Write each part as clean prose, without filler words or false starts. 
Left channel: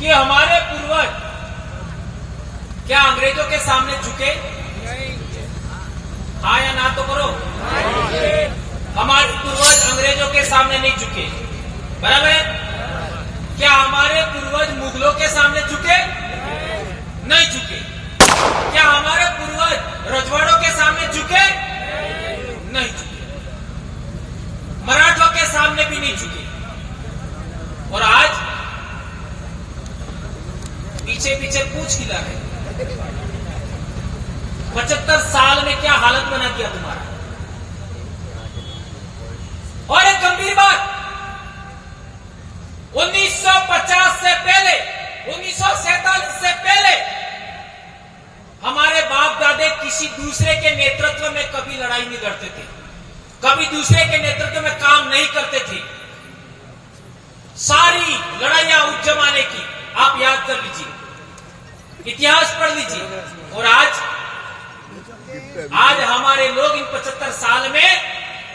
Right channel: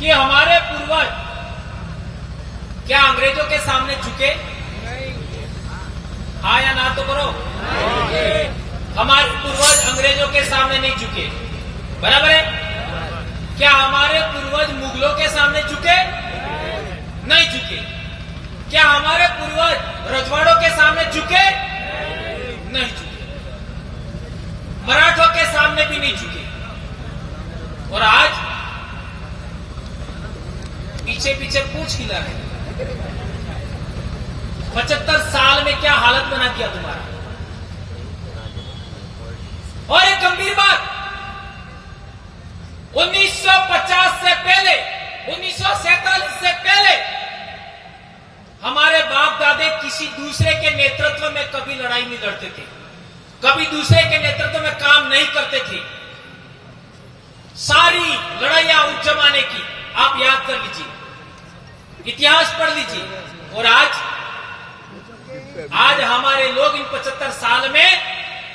कि हमारे पूर्वज क्या अंग्रेजों के सामने झुके? हाँ या ना तो करो। हमारे पूर्वज अंग्रेजों के सामने नहीं झुके, बराबर है? क्या हमारे पूर्वज मुगलों के सामने झुके? नहीं झुके। क्या हमारे पूर्वज रजवाड़ों के सामने झुके? नहीं झुके। मराठों के सामने भी नहीं झुके। और आज पीछे पीछे पूछ हिला रहे। 75 साल में क्या हालत बना दिया तुम्हारा। और एक गंभीर बात, 1950 से पहले, 1947 से पहले हमारे बाप दादे किसी दूसरे के नेतृत्व में कभी लड़ाई नहीं लड़ते थे, कभी दूसरे के नेतृत्व में काम नहीं करते थे। सारी लड़ाइयां उस जमाने की आप याद कर लीजिए, इतिहास पढ़ लीजिए। और आज हमारे लोग इन 75 साल में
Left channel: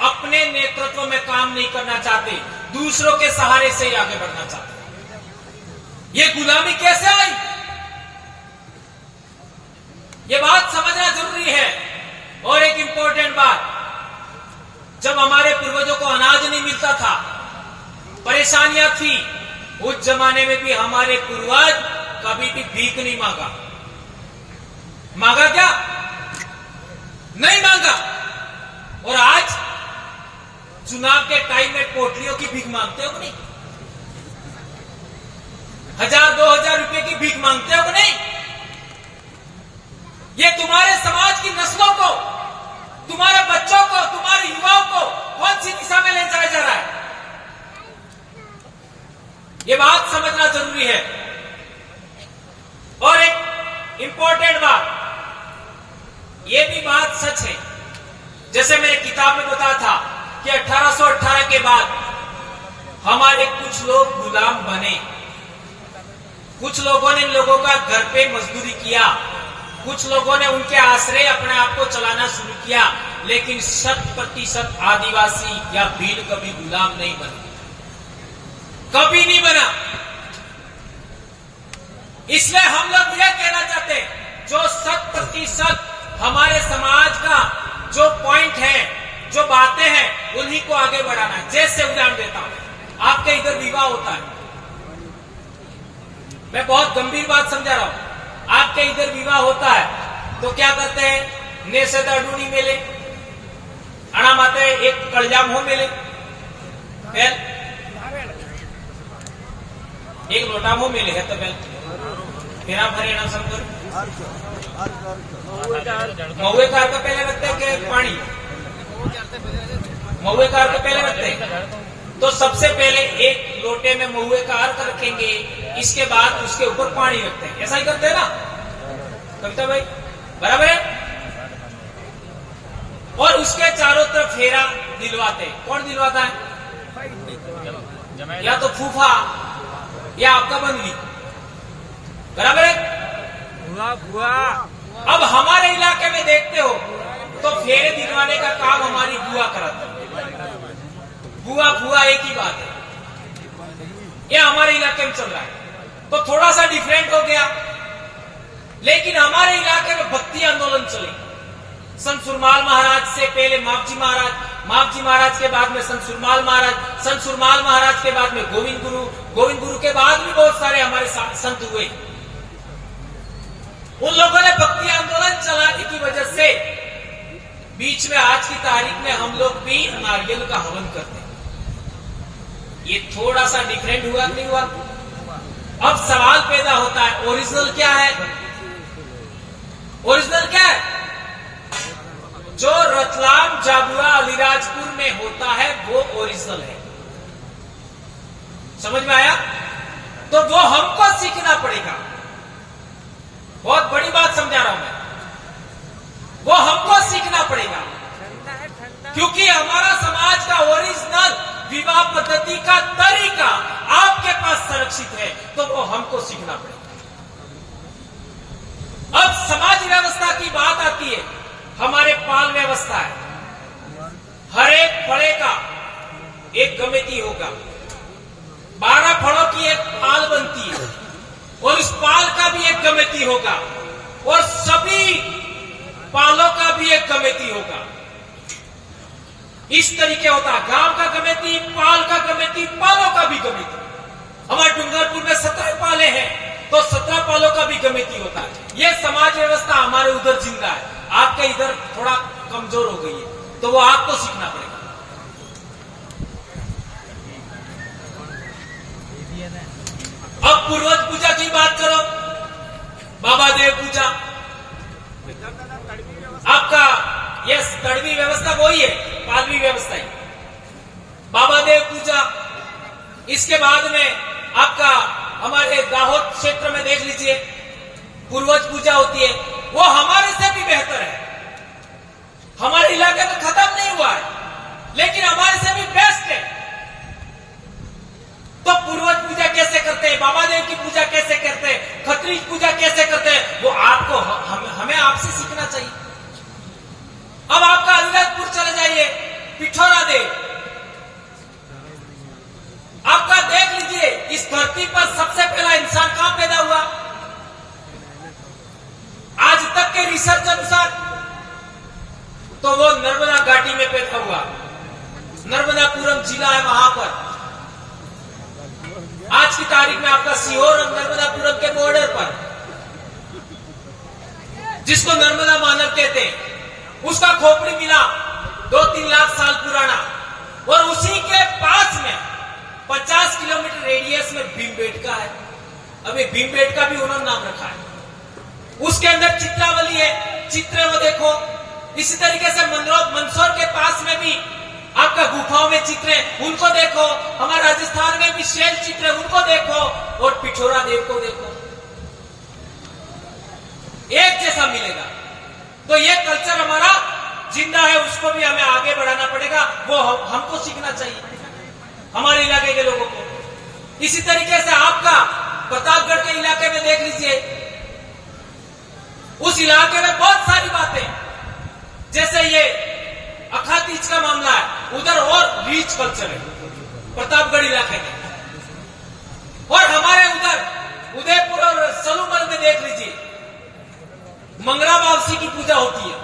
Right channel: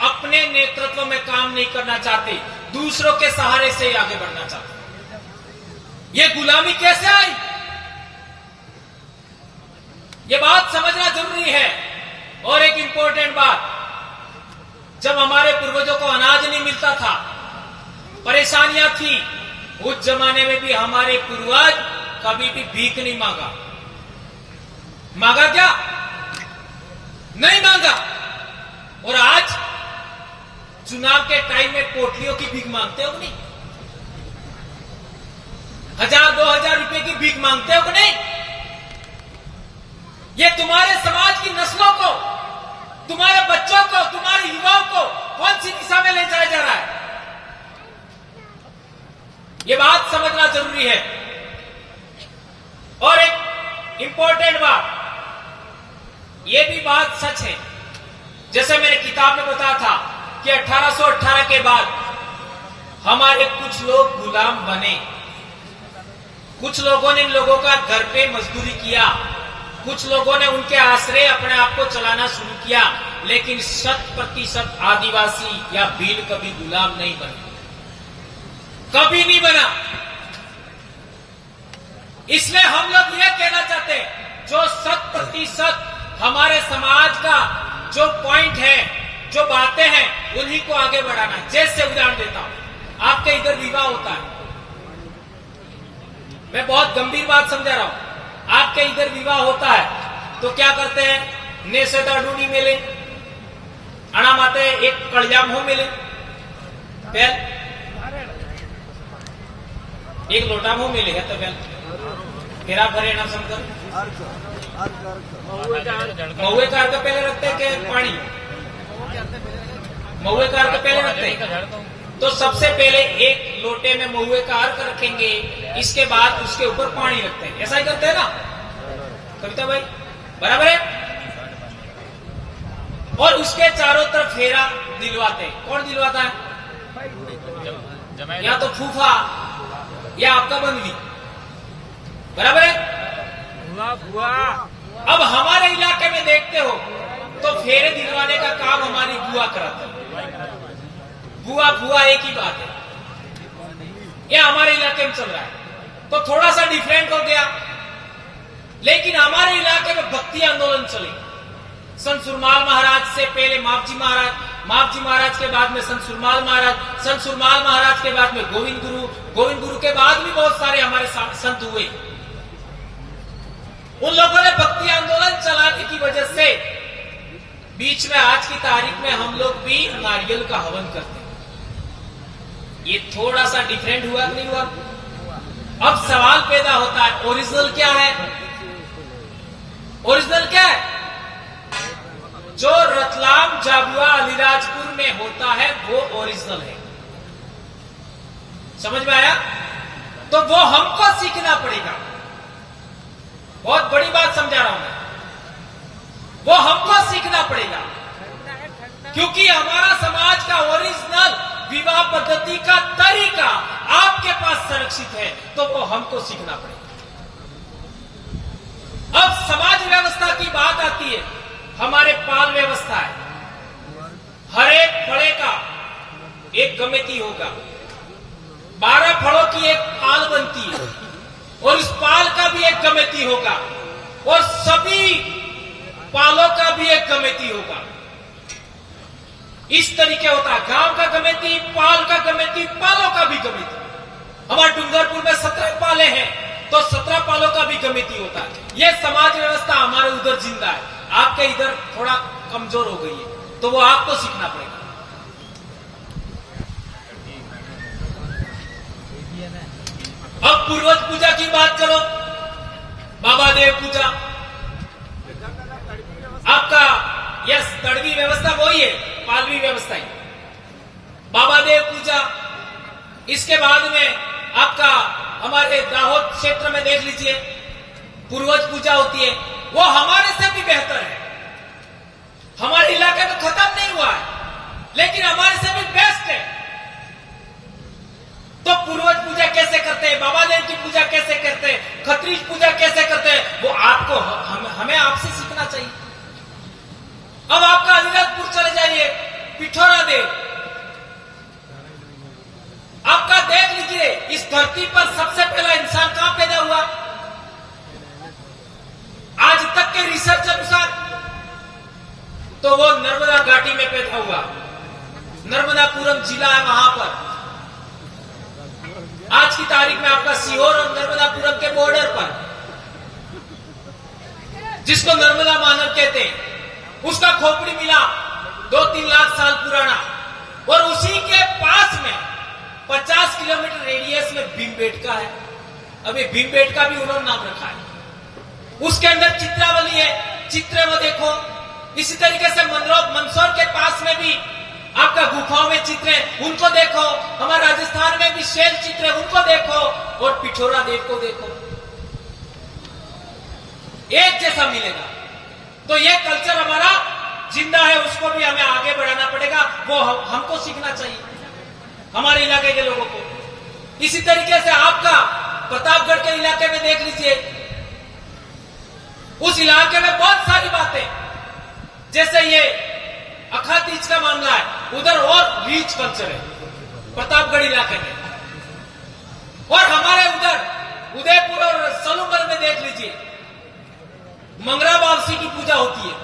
अपने नेतृत्व में काम नहीं करना चाहते, दूसरों के सहारे से ही आगे बढ़ना चाहते। ये गुलामी कैसे आई, ये बात समझना जरूरी है। और एक इंपॉर्टेंट बात, जब हमारे पूर्वजों को अनाज नहीं मिलता था, परेशानियां थी, उस जमाने में भी हमारे पूर्वज कभी भी भीख नहीं मांगा। मांगा क्या? नहीं मांगा। और आज चुनाव के टाइम में पोटलियों की भीख मांगते हो कि नहीं? 1000-2000 रुपए की भीख मांगते हो कि नहीं? ये तुम्हारे समाज की नस्लों को, तुम्हारे बच्चों को, तुम्हारे युवाओं को कौन सी दिशा में ले जाया जा रहा है, ये बात समझना जरूरी है। और एक इंपॉर्टेंट बात, ये भी बात सच है, जैसे मैंने किताब में बताया था कि 1818 के बाद हमारे कुछ लोग गुलाम बने, कुछ लोगों ने इन लोगों का घर पे मजदूरी किया, कुछ लोगों ने उनके आश्रय अपने आप को चलाना शुरू किया, लेकिन 100% आदिवासी या भील कभी गुलाम नहीं बने, कभी नहीं बना। इसलिए हम लोग यह कहना चाहते हैं, जो 100% हमारे समाज का जो पॉइंट है, जो बातें हैं, उन्हीं को आगे बढ़ाना है। जैसे उदाहरण देता हूं, आपके इधर विवाह होता है, मैं बहुत गंभीर बात समझा रहा हूं। आपके इधर विवाह होता है तो क्या करते हैं? ने सदा डूनी मेले, अणा माते एक कड़जाम हो मेले, पहल एक लोटा हो मिले है तो फिर आप भरे ना समझ महुए का अर्थ पहले रखते हैं कि पानी? महुए का अर्थ पहले रखते हैं। तो सबसे पहले एक लोटे में महुए का अर्थ रखेंगे, इसके बाद उसके ऊपर पानी रखते हैं। ऐसा ही करते हैं ना कविता भाई, बराबर है? और उसके चारों तरफ फेरा दिलवाते हैं। कौन दिलवाता है? या तो फूफा या आपका बंदी, बराबर है? अब हमारे इलाके में देखते हो तो फेरे दिलवाने का काम हमारी बुआ कराती है। बुआ फुआ एक ही बात है, ये हमारे इलाके में चल रहा है। तो थोड़ा सा डिफरेंट हो गया, लेकिन हमारे इलाके में भक्ति आंदोलन चले। संत सुरमाल महाराज से पहले मापजी महाराज, मापजी महाराज के बाद में संत सुरमाल महाराज, संत सुरमाल महाराज के बाद में गोविंद गुरु, गोविंद गुरु के बाद भी बहुत सारे हमारे संत हुए। उन लोगों ने भक्ति आंदोलन चलाने की वजह से बीच में आज की तारीख में हम लोग भी नारियल का हवन करते हैं। ये थोड़ा सा डिफरेंट हुआ नहीं हुआ? अब सवाल पैदा होता है, ओरिजिनल क्या है? ओरिजिनल क्या है? जो रतलाम, झाबुआ, अलीराजपुर में होता है वो ओरिजिनल है। समझ में आया? तो वो हमको सीखना पड़ेगा। बहुत बड़ी बात समझा रहा हूं मैं, वो हमको सीखना पड़ेगा, क्योंकि हमारा समाज का ओरिजिनल विवाह पद्धति का तरीका आपके पास संरक्षित है, तो वो हमको सीखना पड़ेगा। अब समाज व्यवस्था की बात आती है, हमारे पाल व्यवस्था है, हर एक फड़े का एक कमेटी होगा, 12 फड़ों की एक पाल बनती है, एक कमेटी होगा और सभी पालों का भी एक कमेटी होगा। इस तरीके होता है, गांव का कमेटी, पाल का कमेटी, पालों का भी कमेटी। हमारे डूंगरपुर में 17 पाले हैं तो 17 पालों का भी कमेटी होता है। यह समाज व्यवस्था हमारे उधर जिंदा है, आपके इधर थोड़ा कमजोर हो गई है, तो वो आपको सीखना पड़ेगा। अब पूर्वज पूजा की बात करो, बाबा देव पूजा, आपका यस तड़वी व्यवस्था वही है, पालवी व्यवस्था है, बाबा देव पूजा। इसके बाद में आपका हमारे दाहोद क्षेत्र में देख लीजिए पूर्वज पूजा होती है, वो हमारे से भी बेहतर है। हमारे इलाके में खत्म नहीं हुआ है, लेकिन हमारे से भी बेस्ट है। तो पूर्वज पूजा कैसे करते हैं, बाबा देव की पूजा कैसे करते हैं, खत्रीज पूजा कैसे करते हैं, वो आपको हमें आपसे सीखना चाहिए। अब आपका अलीराजपुर चले जाइए, पिठोरा देव, आपका देख लीजिए इस धरती पर सबसे पहला इंसान कहां पैदा हुआ, आज तक के रिसर्च अनुसार तो वो नर्मदा घाटी में पैदा हुआ। नर्मदापुरम जिला है वहां पर, आज की तारीख में आपका सीहोर और नर्मदापुरम के बॉर्डर पर, जिसको नर्मदा मानव कहते हैं, उसका खोपड़ी मिला 2-3 लाख साल पुराना। और उसी के पास में 50 किलोमीटर रेडियस में भीमबेटका है। अभी भीमबेटका भी उन्होंने नाम रखा है। उसके अंदर चित्रावली है, चित्र में देखो। इसी तरीके से मंदसौर के पास में भी आपका गुफाओं में चित्र है, उनको देखो। हमारे राजस्थान में भी शैल चित्र है, उनको देखो। और पिठोरा देव को देखो, एक जैसा मिलेगा। तो ये कल्चर हमारा जिंदा है, उसको भी हमें आगे बढ़ाना पड़ेगा। वो हमको सीखना चाहिए, हमारे इलाके के लोगों को। इसी तरीके से आपका प्रतापगढ़ के इलाके में देख लीजिए, उस इलाके में बहुत सारी बातें, जैसे ये अखातीज का मामला है, उधर और रीच कल्चर है प्रतापगढ़ इलाके में। और हमारे उधर उदयपुर और सलूमल में देख लीजिए, मंगरा बावसी की पूजा होती है।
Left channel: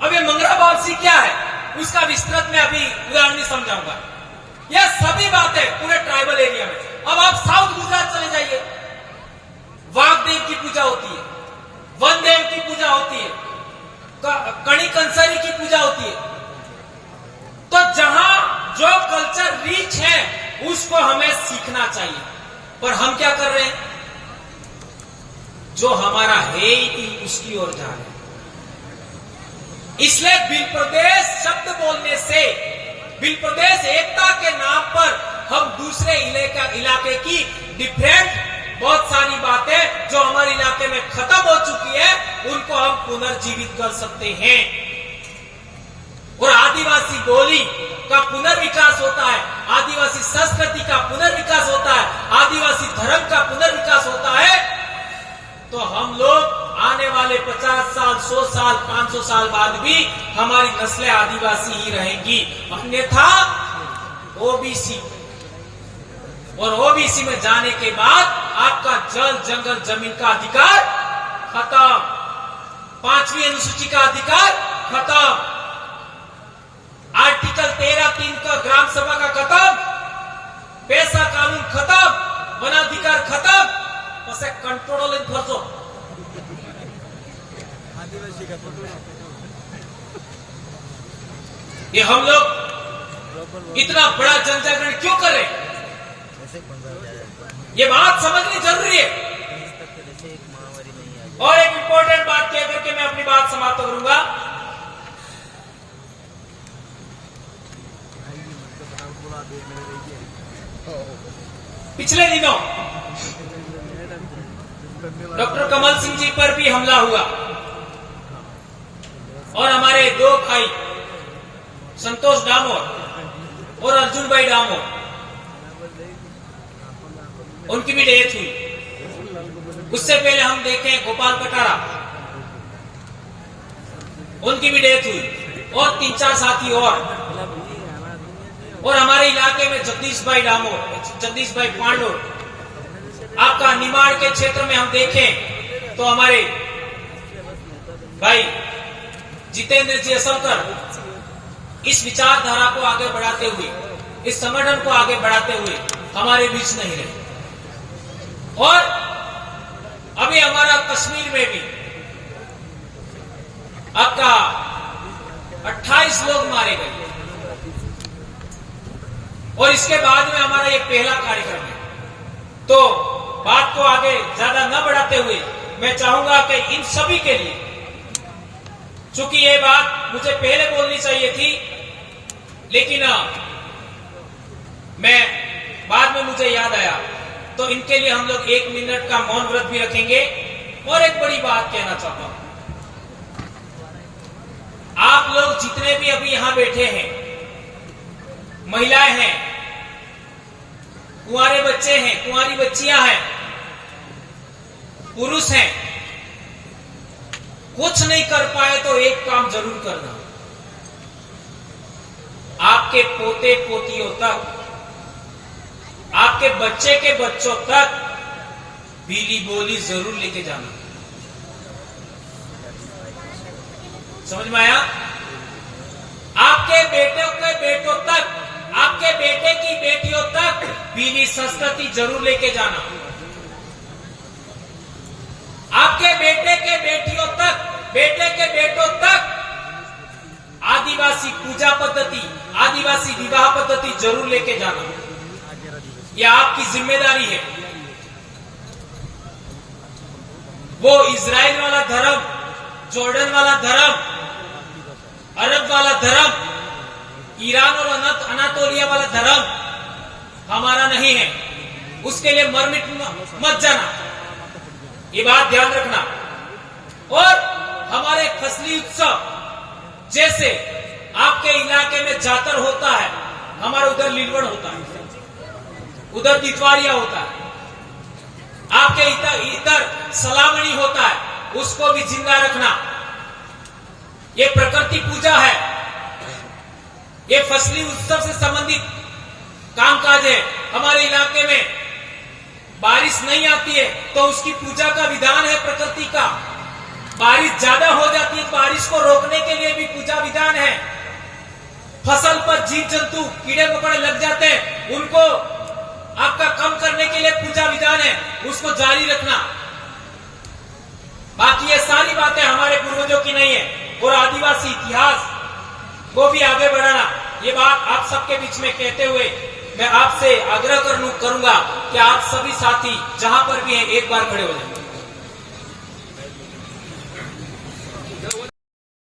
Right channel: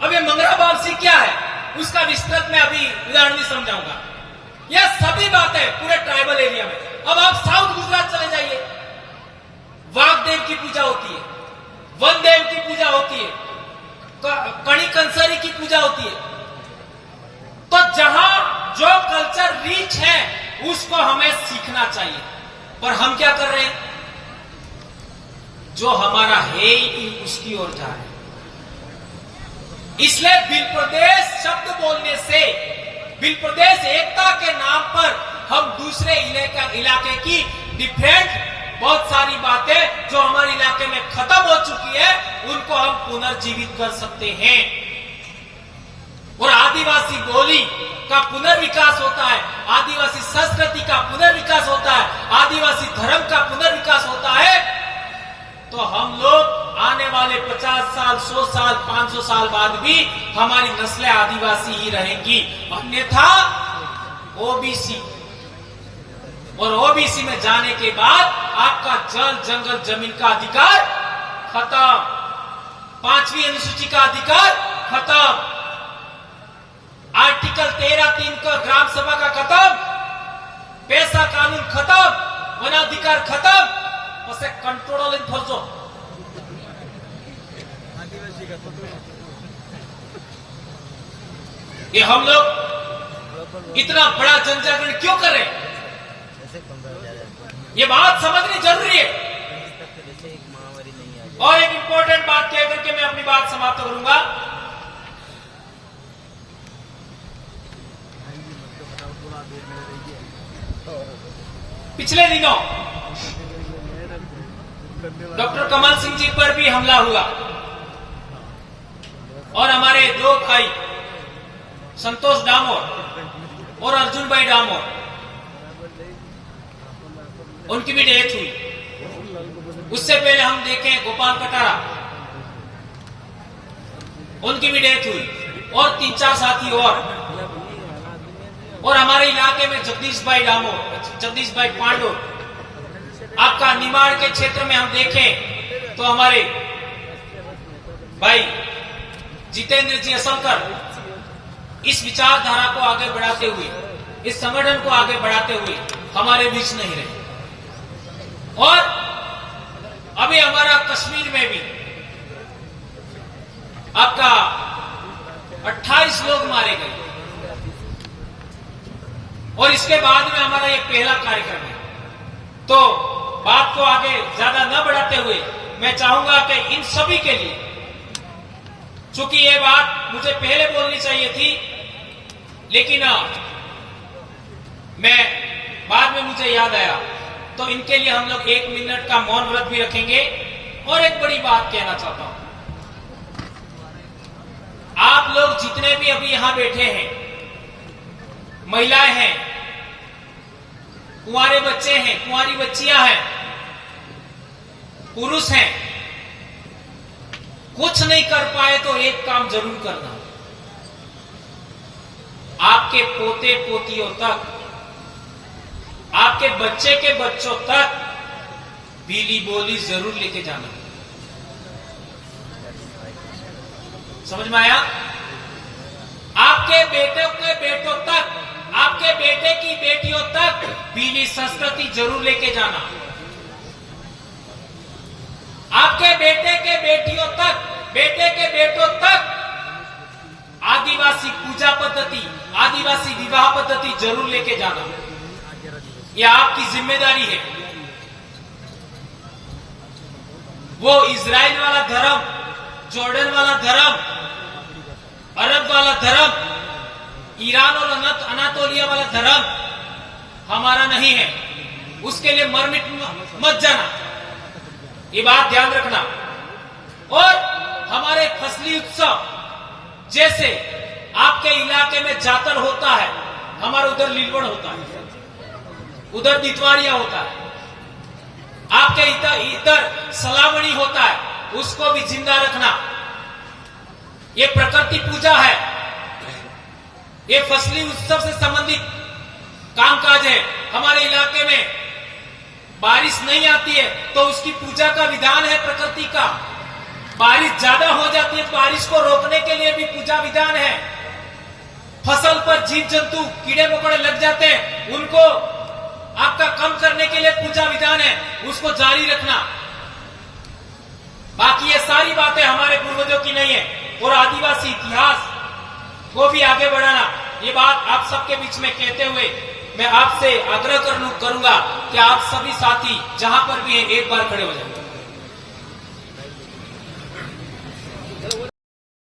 अब ये मंगरा बावसी क्या है, उसका विस्तृत में अभी उदाहरण नहीं समझाऊंगा। यह सभी बातें पूरे ट्राइबल एरिया में। अब आप साउथ गुजरात चले जाइए, वाघदेव की पूजा होती है, वनदेव की पूजा होती है, कणी कंसारी की पूजा होती है। तो जहां जो कल्चर रीच है उसको हमें सीखना चाहिए, पर हम क्या कर रहे हैं, जो हमारा है ही उसकी ओर जा रहे हैं। इसलिए बिल प्रदेश शब्द बोलने से, बिल प्रदेश एकता के नाम पर हम दूसरे इलाके की डिफरेंट बहुत सारी बातें जो हमारे इलाके में खत्म हो चुकी है, उनको हम पुनर्जीवित कर सकते हैं। और आदिवासी बोली का पुनर्विकास होता है, आदिवासी संस्कृति का पुनर्विकास होता है, आदिवासी धर्म का पुनर्विकास होता है। तो हम लोग आने वाले 50 साल, 100 साल, 500 साल बाद भी हमारी नस्लें आदिवासी ही रहेंगी। अन्यथा ओबीसी, और ओबीसी में जाने के बाद आपका जल, जंगल, जमीन का अधिकार खत्म, 5वीं अनुसूची का अधिकार खत्म, आर्टिकल 13(3) का ग्राम सभा का खत्म, पैसा कानून खत्म, वनाधिकार खत्म। उसे कंट्रोल फंसो आदिवासी का। ये हम लोग इतना बड़ा जनजागरण क्यों करें, ये बात समझनी जरूरी है। और एक इंपॉर्टेंट बात कह करके मैं अपनी बात समाप्त करूंगा। पिछले दिनों डॉक्टर कमल सिंह जी पर भी हमला हुआ और हमारे 2 भाई संतोष डामोर और अर्जुन भाई डामोर, उनकी भी डेथ हुई। उससे पहले हम देखें गोपाल कटारा, उनकी भी डेथ हुई, और 3-4 साथी और हमारे इलाके में जगदीश भाई डामोर, जगदीश भाई पांडो, आपका निमाड़ के क्षेत्र में हम देखें तो हमारे भाई जितेंद्र जी असलकर इस विचारधारा को आगे बढ़ाते हुए, इस संगठन को आगे बढ़ाते हुए हमारे बीच नहीं रहे। और अभी हमारा कश्मीर में भी आपका 28 लोग मारे गए और इसके बाद में हमारा ये पहला कार्यक्रम है। तो बात को आगे ज्यादा न बढ़ाते हुए मैं चाहूंगा कि इन सभी के लिए, चूंकि ये बात मुझे पहले बोलनी चाहिए थी लेकिन मैं बाद में मुझे याद आया, तो इनके लिए हम लोग 1 मिनट का मौन व्रत भी रखेंगे। और एक बड़ी बात कहना चाहता हूं, आप लोग जितने भी अभी यहां बैठे हैं, महिलाएं हैं, कुंवारे बच्चे हैं, कुंवारी बच्चियां हैं, पुरुष हैं, कुछ नहीं कर पाए तो एक काम जरूर करना, आपके पोते पोतियों तक, आपके बच्चे के बच्चों तक बीली बोली जरूर लेके जाना। समझ में आया? आपके बेटों के बेटों तक, आपके बेटे की बेटियों तक बीली संस्कृति जरूर लेके जाना। आपके बेटे के बेटियों तक, बेटे के बेटों तक आदिवासी पूजा पद्धति, आदिवासी विवाह पद्धति जरूर लेके जाना। यह आपकी जिम्मेदारी है। वो इजराइल वाला धर्म, जॉर्डन वाला धर्म, अरब वाला धर्म, ईरान और अनातोलिया वाला धर्म हमारा नहीं है। उसके लिए मरमिट मत जाना, ये बात ध्यान रखना। और हमारे फसली उत्सव जैसे आपके इलाके में जातर होता है, हमारा उधर लीलवड़ होता है, उधर दितवारिया होता है, आपके इधर सलामणी होता है, उसको भी जिंदा रखना। ये प्रकृति पूजा है, ये फसली उत्सव से संबंधित कामकाज है। हमारे इलाके में बारिश नहीं आती है तो उसकी पूजा का विधान है प्रकृति का। बारिश ज्यादा हो जाती है तो बारिश को रोकने के लिए भी पूजा विधान है। फसल पर जीव जंतु कीड़े मकोड़े लग जाते हैं, उनको आपका कम करने के लिए पूजा विधान है, उसको जारी रखना। बाकी ये सारी बातें हमारे पूर्वजों की नहीं है। और आदिवासी इतिहास को भी आगे बढ़ाना, ये बात आप सबके बीच में कहते हुए मैं आपसे आग्रह करूंगा कि आप सभी साथी जहां पर भी हैं एक बार खड़े हो जाएं।